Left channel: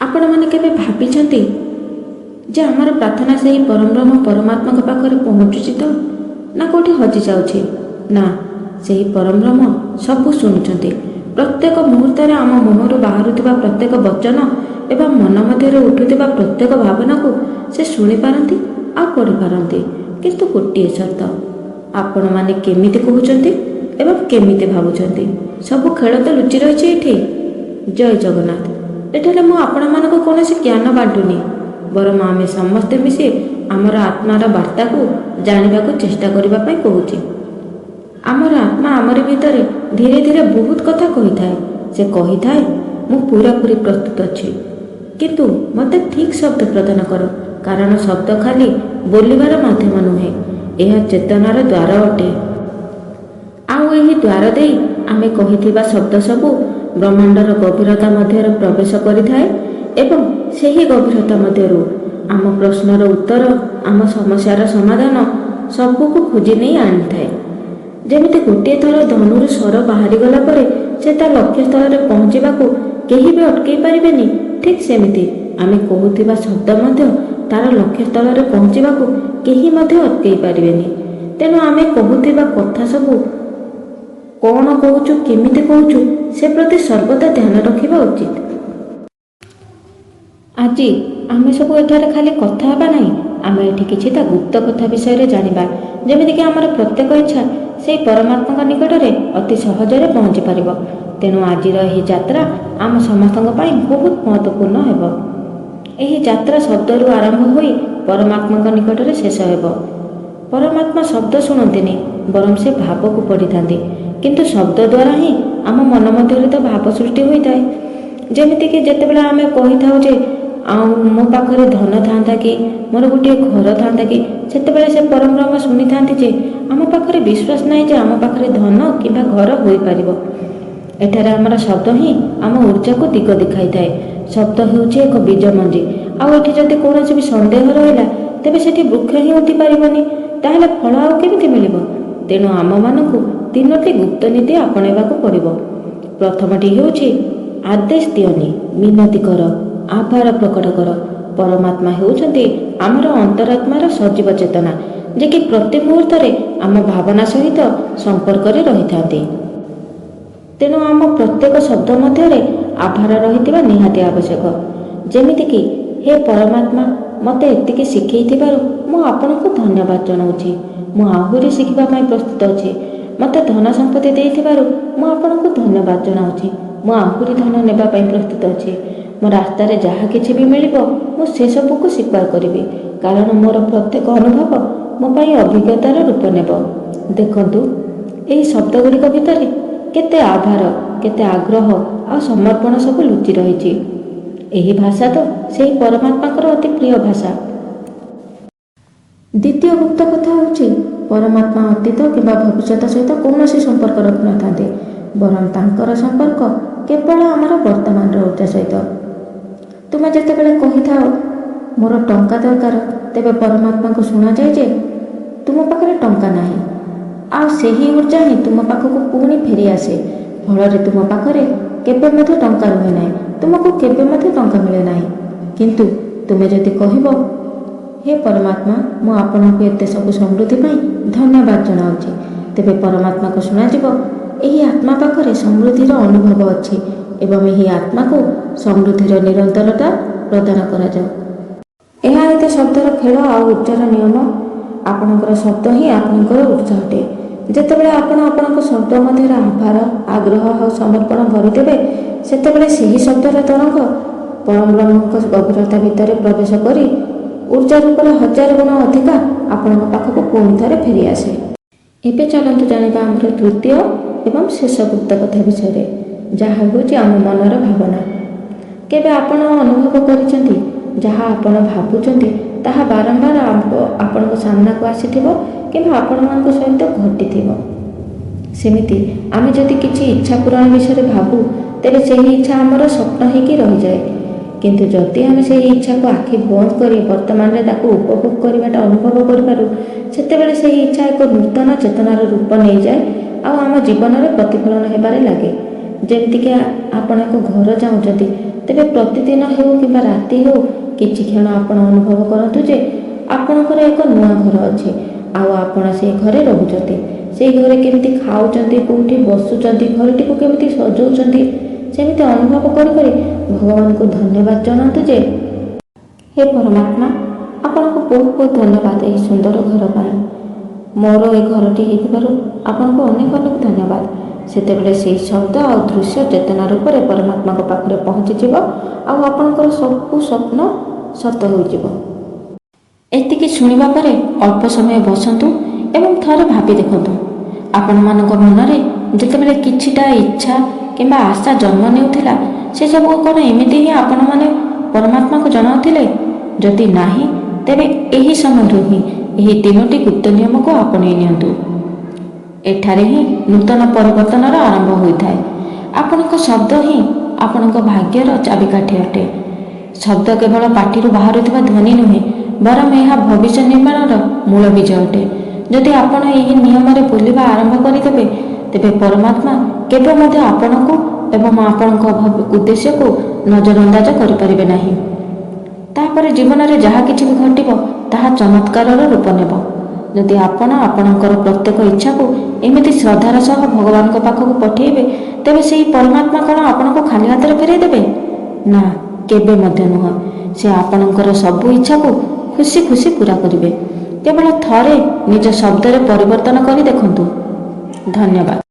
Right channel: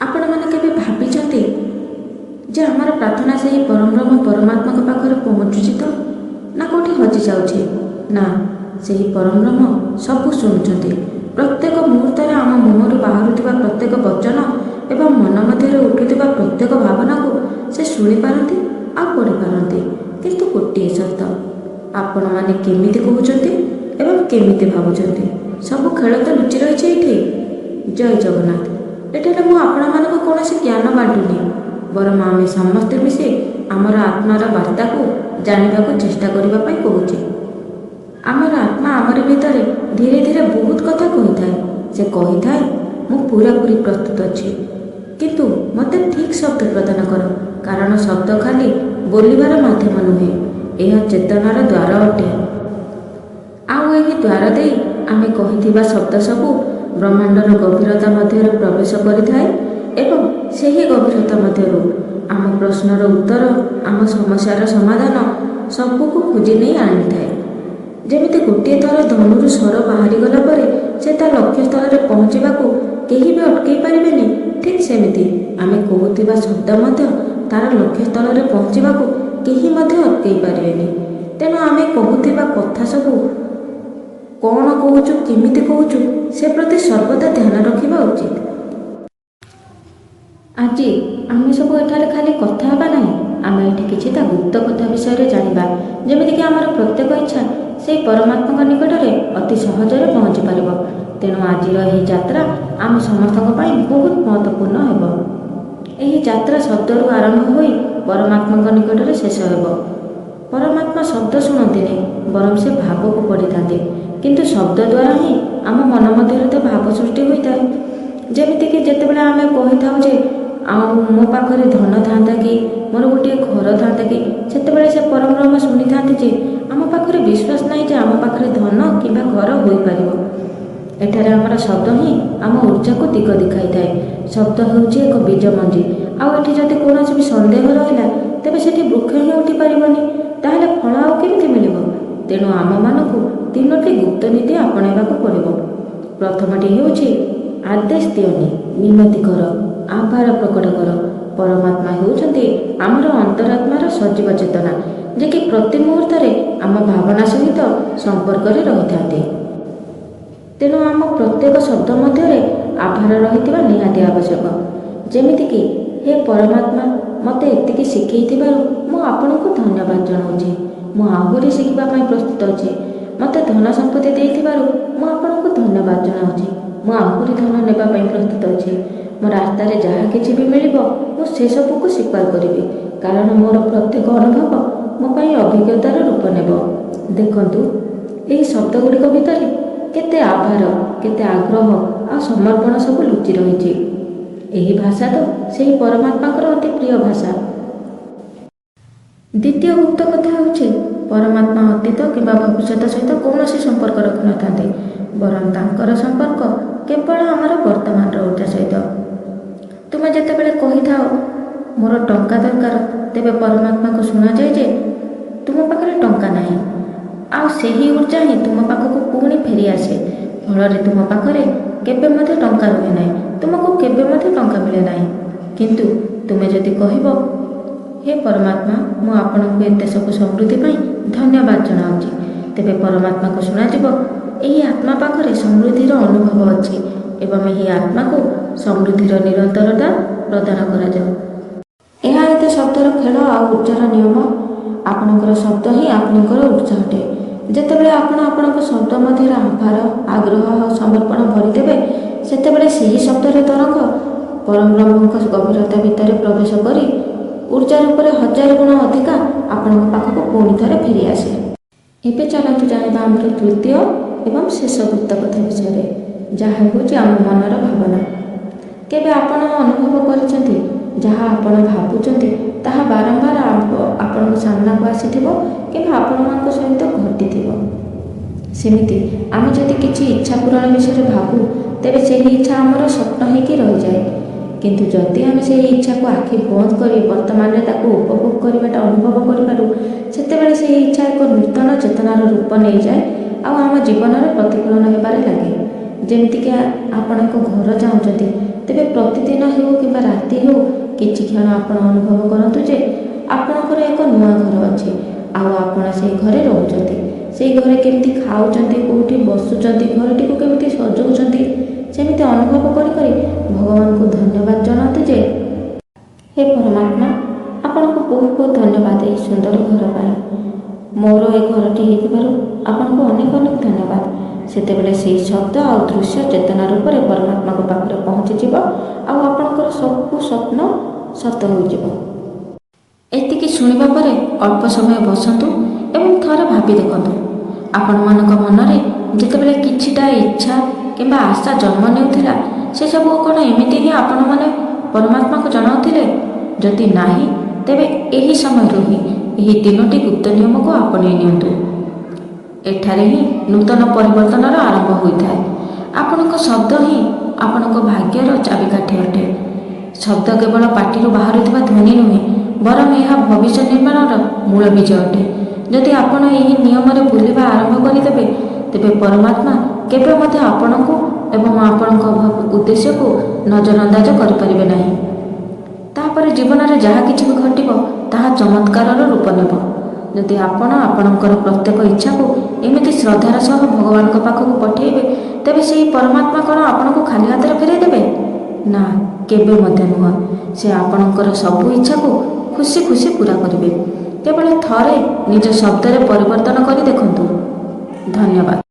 ଆପଣମାନେ କେବେ ଭାବିଛନ୍ତି ଯେ ଆମର ପ୍ରାର୍ଥନା ସେହି ପରମବ୍ରହ୍ମ ପରମାତ୍ମାଙ୍କ ପାଖରେ ପହଞ୍ଚୁଛି ତ ନା କେଉଁଠି ହଜିଯାଉଛି? ନା, ସେହି ପରମବ୍ରହ୍ମ ସବୁ ଶୁଣୁଛନ୍ତି। ପ୍ରତ୍ୟେକ ମୁହୂର୍ତ୍ତରେ ଆମ ମୁହଁରୁ ବାହାରୁଥିବା ପ୍ରତ୍ୟେକ ବଚନ ଏବଂ ମନ ମଧ୍ୟରେ ଉଠୁଥିବା ପ୍ରତ୍ୟେକ ଭାବନାକୁ ସେ ଶୁଣିପାରନ୍ତି ଆଉ ପଢ଼ିପାରନ୍ତି। କିନ୍ତୁ ଗୋଟିଏ ସର୍ତ୍ତ, ଆପଣମାନେ କେମିତି କହୁଛନ୍ତି ଏବଂ କେମିତି ଭାବୁଛନ୍ତି। ସବୁ ଖେଳ ତ ଲୁଚି ରହିଛି ଏଠି। ଜୟ ଜଗନ୍ନାଥ। ଏଠାରେ ମୁଁ ଆପଣମାନଙ୍କୁ କୌଣସି ଜ୍ଞାନ ବାଣ୍ଟୁନି, ବରଂ ଆମେ ସମସ୍ତେ ମିଶି ଆମର ଆତ୍ମାର ବାର୍ତ୍ତାକୁ ଜାଣିବାକୁ ଚେଷ୍ଟା କରିବା ପାଇଁ କହୁଛି। ଆମର ଆତ୍ମା ଆମରି ଭିତରେ ଧୀରେ ଧୀରେ ବହୁତ କଥା କହିଥାଏ। ସେ କହିଥାଏ, ମୁଁ ପୁରାପୁରି ପ୍ରସ୍ତୁତ ଅଛି, କିନ୍ତୁ ମୋତେ ଠିକ୍ ଶବ୍ଦ ପ୍ରଦାନ କର। କାରଣ ଶବ୍ଦ ଖାଲି ବୋଲିବାର ମାଧ୍ୟମ ନୁହେଁ, ଏହା ଚେତନାର ଦ୍ୱାର ଅଟେ। ଆଉ ଏହି ଦ୍ୱାର ଦେଇ ଆମେ କହିଥିବା ଶବ୍ଦ ସବୁ ବ୍ରହ୍ମାଣ୍ଡର ଗଭୀରତା ମଧ୍ୟରେ ପ୍ରବେଶ କରିଥାଏ ଏବଂ ସେହି ଗଭୀରତା ମଧ୍ୟରୁ ଆମ ପ୍ରଶ୍ନର ଉତ୍ତର, ଆମ ସମସ୍ୟାର ସମାଧାନ ସବୁକୁ ଖୋଜି ନେଇ ଆଣିଥାଏ। ଯେମିତି ଗୋଟିଏ ଥର ଧନୁରୁ ସ୍ୱର ବାହାରିଗଲା ପରେ ସେ ତା ଲକ୍ଷ୍ୟସ୍ଥଳରେ ପହଞ୍ଚିବାକୁ କେହି ବି ଅଟକାଇ ପାରିବେନି, ଠିକ୍ ସେମିତି ଆମେ କହୁଥିବା ଶବ୍ଦ ମଧ୍ୟ ତାର ଲକ୍ଷ୍ୟସ୍ଥଳରେ ପହଞ୍ଚିବାକୁ କେହି ମଧ୍ୟ ଅଟକାଇ ପାରିବେନି। ତେଣୁ ଆମେ କହୁଥିବା କଥା ସବୁ କ'ଣ କହୁଛୁ, କେମିତି କହୁଛୁ, ସେ ପ୍ରତି ସର୍ବଦା ଧ୍ୟାନ ରଖିବା ଉଚିତ। ଆଜି ଆମେ ସବୁ ଏଠାରେ ଖାଲି କଥା ହେବା ନାହିଁ, ଆମେ ଏଠି କିଛିଟା ଗୁପ୍ତ କଥା ବିଷୟରେ ଜାଣିବା, ଯେମିତିକି ଆମର ପ୍ରତ୍ୟେକ ଇଚ୍ଛା ସେହି ପରମାତ୍ମାଙ୍କ ନିକଟରେ ଅତି ସହଜରେ ପହଞ୍ଚି ପାରିବ। ତେଣୁ ଆଜିର ଏହି ଯାତ୍ରା ଆମ ସମସ୍ତଙ୍କ ପାଇଁ ବହୁତ ମହତ୍ତ୍ୱପୂର୍ଣ୍ଣ ହେବ। ଏହି ଯାତ୍ରା ଶବ୍ଦରୁ ଆରମ୍ଭ ହୋଇ ପରମାତ୍ମାଙ୍କ ନିକଟରେ ଶେଷ ହେବ। ପରମାତ୍ମା ଶବ୍ଦ ଶୁଣନ୍ତିନି, ବରଂ ସେ ଭାବକୁ ପଢ଼ିଥାନ୍ତି। କିନ୍ତୁ ଶବ୍ଦ ଦ୍ୱାରା ହିଁ ଆମ ମନ ମଧ୍ୟରେ ତ ଭାବ ସୃଷ୍ଟି ହୋଇଥାଏ। ଯେମିତିକି ଯେତେବେଳେ ଆମେ କହିଥାଉ ଯେ ଆଉ ମୋ ପାଖରେ ଧନ ଥାନ୍ତା କି, ମୋର ଗୋଟିଏ ଘର ଥାନ୍ତା କି, ସେତେବେଳେ ସେ ପରମବ୍ରହ୍ମ ଶୁଣିଥାନ୍ତି ଯେ ଆମ ପାଖରେ ବିଶ୍ୱାସ ନାହିଁ ଯେ ଆମ ପାଖରେ ଧନ କିମ୍ବା ଘର ହୋଇପାରିବ। ଏଠାରେ ଆମର ଶବ୍ଦ ହିଁ ଆମ ଉର୍ଜାକୁ ଦିଗ ଦେଖାଇଥାଏ। ଶବ୍ଦ ହେଉଛି ଏକ ବୀଜ ମଞ୍ଜି। ଆଉ ଏଠି ଯଦି କୌଣସି ବି ସନ୍ଦେହ ରହିଲା, ତେବେ ସେଠି ବୃକ୍ଷ ହିଁ ଉଠିପାରିବନି। ତାହେଲେ ଫଳ ଆଉ କେମିତି ମିଳିବ? ତେଣୁ ଆମମାନଙ୍କୁ ତିନୋଟି ଗୁପ୍ତ ନୀତି ଆପଣେଇବାକୁ ପଡ଼ିବ। ପ୍ରଥମଟି ହେଉଛି ଆଦେଶ ଦିଅନି, ମିନତି କର, ଆଭାର ପ୍ରକଟ କର। ପରମାତ୍ମା ହେଉଛନ୍ତି ଆମର ଅନ୍ତରାତ୍ମାର ସଜୀବ ଚେତନା, ଯେ କି ପ୍ରତି ମୁହୂର୍ତ୍ତରେ ଆମ ଭାବନା ସହିତ ସମ୍ପର୍କରେ ରହିଥାନ୍ତି। ତେଣୁ ଆମ ପ୍ରତ୍ୟେକ ଶବ୍ଦ ମଧ୍ୟରେ ଆଭାର ରହିଥିବା ନିହାତି ଆବଶ୍ୟକ। ଯେମିତିକି, ହେ ପରମାତ୍ମା, ମୋତେ ଏତିକି ଶିଖେଇଥିବାରୁ ମୁଁ ଆପଣଙ୍କୁ ଧନ୍ୟବାଦ ଜଣାଉଛି। ମୁଁ ଆହୁରି ଶିଖିବା ପାଇଁ ପ୍ରସ୍ତୁତ ଅଛି। ମୋତେ ଧନ ସମ୍ପତ୍ତି ଦେଇଥିବାରୁ ମୁଁ ଆପଣଙ୍କୁ ଧନ୍ୟବାଦ ଜଣାଉଛି। ମୁଁ ଆହୁରି ଧନ ନେବା ପାଇଁ ପ୍ରସ୍ତୁତ ଅଛି। ମୋ ରାସ୍ତାରେ ଯାହା କିଛି ବି ମିଳିବ, ମୁଁ ସେସବୁକୁ ସ୍ୱୀକାର କରିବି, କାରଣ ମୋର ପ୍ରତ୍ୟେକ ଅନୁଭବ ମୋ ପାଇଁ ଅଭିଜ୍ଞତାର ରୂପ ନେବ। ଦେଖନ୍ତୁ, ଏହି ଶବ୍ଦ ଗୁଡ଼ିକ ଭିତରେ କେତେ ଆଭାର, କେତେ ଆଗ୍ରହ ଆଉ ସମର୍ପଣ ସବୁ ଲୁଚି ରହିଛି। ଏହି ଭାଷା ତ ସେହି ପରମାତ୍ମାଙ୍କର ଅତି ପ୍ରିୟ ଭାଷା। ଦ୍ୱିତୀୟ ଗୁପ୍ତ କଥା ହେଉଛି, ପରମାତ୍ମା ଅତୀତ କିମ୍ବା ଭବିଷ୍ୟତ ସହିତ କୌଣସି ସମ୍ପର୍କ ରଖିନଥାନ୍ତି, ବରଂ ତାଙ୍କର ସମ୍ପର୍କ କେବଳ ଆମର ବର୍ତ୍ତମାନର ଉର୍ଜା ସହିତ। ତୁମେ ଯେତେବେଳେ କହିଥାଅ ମୋର ଟଙ୍କା ଦରକାର, ତେବେ ପରମାତ୍ମାଙ୍କୁ ଶୁଣାଯାଏ ଯେ ତୁମ ପାଖରେ ଟଙ୍କା ନାହିଁ, ଆଉ ସେହି ଉର୍ଜା ହିଁ ତୁମ ପାଖକୁ ପୁଣି ଫେରି ଆସେ। ଫଳରେ ତୁମ ପାଖରେ କେବେ ମଧ୍ୟ ଟଙ୍କା ରୁହେ ନାହିଁ, ତୁମକୁ କେବେ ମଧ୍ୟ ଟଙ୍କା ମିଳେ ନାହିଁ। କିନ୍ତୁ ତୁମେ ଯଦି କହିବ, ହେ ପରମାତ୍ମା, ମୁଁ ଆପଣଙ୍କୁ ଏତେ ସବୁ ସମୃଦ୍ଧି ପାଇଁ ଧନ୍ୟବାଦ ଜଣାଉଛି, ତେବେ ପରମାତ୍ମାକୁ ଶୁଣାଯିବ, ଏହି ଆତ୍ମା ପାଖରେ ସମୃଦ୍ଧିର ଅନୁଭବ ଅଛି ଏବଂ ଏହି ଆତ୍ମାକୁ ସମୃଦ୍ଧିର ନିରନ୍ତରତା ପ୍ରଦାନ କରାଯାଉ। ଏହା ଏତେ ଶବ୍ଦର ଖେଳ ଆଉ ଉର୍ଜାର ନିୟମ। ଆପଣଙ୍କର ଶବ୍ଦ ହିଁ ଆପଣଙ୍କର ଉର୍ଜା ଅଟେ। ଯେତେବେଳେ ଆପଣ ଆପଣଙ୍କ ଶବ୍ଦ ମଧ୍ୟରେ ଆଭାର, ଆଗ୍ରହ ଆଉ ସମର୍ପଣ ଭରିଦେବେ, ସେତେବେଳେ ସେହି ଶବ୍ଦର ତରଙ୍ଗ ପରମବ୍ରହ୍ମଙ୍କ ଗଭୀରତା ଭିତରେ ପ୍ରବେଶ କରି ଉର୍ଜା ରୂପରେ 1000 ଗୁଣ ଅଧିକା ଆପଣଙ୍କ ପାଖକୁ ପୁଣି ଥରେ ଫେରିଆସେ। ଏବେ ଚାଲନ୍ତୁ ଜାଣିବା ଆମର ତୃତୀୟ ଏବଂ ଶେଷ ଗୁପ୍ତ କଥା ବିଷୟରେ, ଯାହା ହେଉଛି ଆମ ମନର ଭାବନା। କେବେ ଆପଣ ଅନୁଭବ କରିଛନ୍ତି, ଯାହା ଆପଣ ଭାବୁଛନ୍ତି ତାହା ବାରମ୍ବାର ଆପଣଙ୍କ ସାମ୍ନାକୁ ଆସିଥିବ କିମ୍ବା ଆପଣମାନଙ୍କ ସହିତ ଘଟିଥିବ? ସେମିତି ଆମେ ଯଦି କିଛି ଇଚ୍ଛା ପୂରଣ ବିଷୟରେ ଭାବୁ, ତେବେ ସେହି ଇଚ୍ଛା ଆମର ସ୍ୱପ୍ନ ହେଇକି ରହିଯାଏ। କିନ୍ତୁ ଯଦି ଆମେ ସେହି ଇଚ୍ଛାକୁ ଆଖି ବନ୍ଦ କରି ବର୍ତ୍ତମାନରେ ତାକୁ ଉପଭୋଗ କରିବାଟା ଅନୁଭବ କରିପାରୁ, ସେତେବେଳେ ସେହି ଇଚ୍ଛା ଏକ ନୂତନ ଚେତନାର ରୂପ ନେଇଯାଏ ଆଉ ଆମ ଜୀବନରେ ପ୍ରତିଫଳନ ହେବାରେ ଲାଗେ। ଯେମିତିକି ଆପଣ ଏକ ଘର ଚାହୁଁଛନ୍ତି, ତେବେ ପ୍ରତିଦିନ ହେଉ କିମ୍ବା ରାତି ହେଉ କିଛି କ୍ଷଣ ଆପଣ ଅନୁଭବ କରନ୍ତୁ ଯେ ଆପଣଙ୍କର ଏକ ନୂଆ ଘର ଅଛି ଆଉ ଆପଣ ସେଇ ଘରେ ରହୁଛନ୍ତି। ସେଇ ଘରେ କେମିତି ଖାଉଛନ୍ତି, କେଉଁଠି ବସୁଛନ୍ତି, ଘରଟିକୁ କେମିତି ସଜାଉଛନ୍ତି, ସେମିତି ଅନୁଭବ କରି କରି ଭଗବାନଙ୍କୁ ଧନ୍ୟବାଦ ଜଣାନ୍ତୁ ଯେ ହେ ପରମାତ୍ମା, ଆପଣଙ୍କୁ ବହୁତ ବହୁତ ଧନ୍ୟବାଦ ଏହି ସୁନ୍ଦର ଘର ପାଇଁ। ମୋର ଏ ଘରଟି ହେଇଥିବାରୁ ଆପଣଙ୍କୁ ଅନେକ ଅନେକ ଧନ୍ୟବାଦ। ସେତେବେଳେ ସେହି ଶବ୍ଦ ଆଉ ଦୃଶ୍ୟ ଚେତନା ରୂପରେ ପରମାତ୍ମାଙ୍କ ପାଖରେ ପହଞ୍ଚିଯିବ ଆଉ ଆପଣଙ୍କର ସବୁ ସ୍ୱପ୍ନ ସତ ହୋଇଯିବ। ଏତିକି ଶୁଣିବା ପରେ ଅଳ୍ପ ସମୟ ବସନ୍ତୁ ଏବଂ ଥରେ ଭାବି ଦେଖନ୍ତୁ, ଆପଣମାନଙ୍କ ମନରେ ଯେତେବେଳେ କିଛିଟା ଇଚ୍ଛା କିମ୍ବା ଆଶା ଜନ୍ମ ନେଉଥିଲା, ସେସବୁ କ'ଣ ଏମିତି ହିଁ ଆପଣମାନେ ପରମାତ୍ମାକୁ ଜଣାଉଥିଲେ? ଯଦି ନାହିଁ, ତେବେ ଏହି ସମୟରୁ ହିଁ ଏହି 3ଟି ଗୁପ୍ତ ନିୟମକୁ ଆପଣେଇ ନିଅନ୍ତୁ। ଏଠାରେ ହିଁ ନୂତନ ପରିବର୍ତ୍ତନର ଆରମ୍ଭ ହୋଇଥାଏ। ଆପଣଙ୍କ ଶବ୍ଦ ହିଁ ଆପଣଙ୍କ ଭାଗ୍ୟର ଚାବିକାଠି ଅଟେ। ଶବ୍ଦ କେବଳ ପାଟିରୁ ବାହାରୁଥିବା ଧ୍ୱନି ନୁହେଁ, ବରଂ ଏହା ଭବିଷ୍ୟ ନିର୍ମାଣର ମୂଳ ବୀଜ ଅଟେ। ଯଦି ଆପଣ ଏହି ନିୟମରେ ବୁଲିବା ଆରମ୍ଭ କରିଦେବେ, ତେବେ ପରମାତ୍ମା କେବେ ମଧ୍ୟ ଆପଣଙ୍କୁ ଏବଂ ଆପଣଙ୍କ ଉଦ୍ଦେଶ୍ୟକୁ ନଜରଅନ୍ଦାଜ କରିପାରିବେ ନାହିଁ। ତାପରେ ଜୀବନରେ ଯାହା କିଛି ବି ଘଟିବ ତାହା ଚମତ୍କାରର ରୂପ ନେବ। ଯଦି ଆପଣ ଆପଣଙ୍କର ପ୍ରତ୍ୟେକ ଇଚ୍ଛାକୁ ଏମିତି ଶ୍ରଦ୍ଧାର ସହ ଭଗବାନଙ୍କ ପାଖକୁ ପଠାଇବେ, ତେବେ ସେହି ପରମାତ୍ମା କ'ଣ ଆପଣଙ୍କୁ ଖାଲି ହାତରେ ଫେରାଇ ଦେବେ? ନା, କେବେ ମଧ୍ୟ ନୁହଁ। ସେ ଆପଣଙ୍କର ସବୁ ଇଚ୍ଛାକୁ ଖୁସି ଖୁସି ପୂରା କରିବେ। କେବଳ ଥରେ ନିଜ ଶବ୍ଦରେ ପରିବର୍ତ୍ତନ କରି ଦେଖନ୍ତୁ। ଧନ୍ୟବାଦ।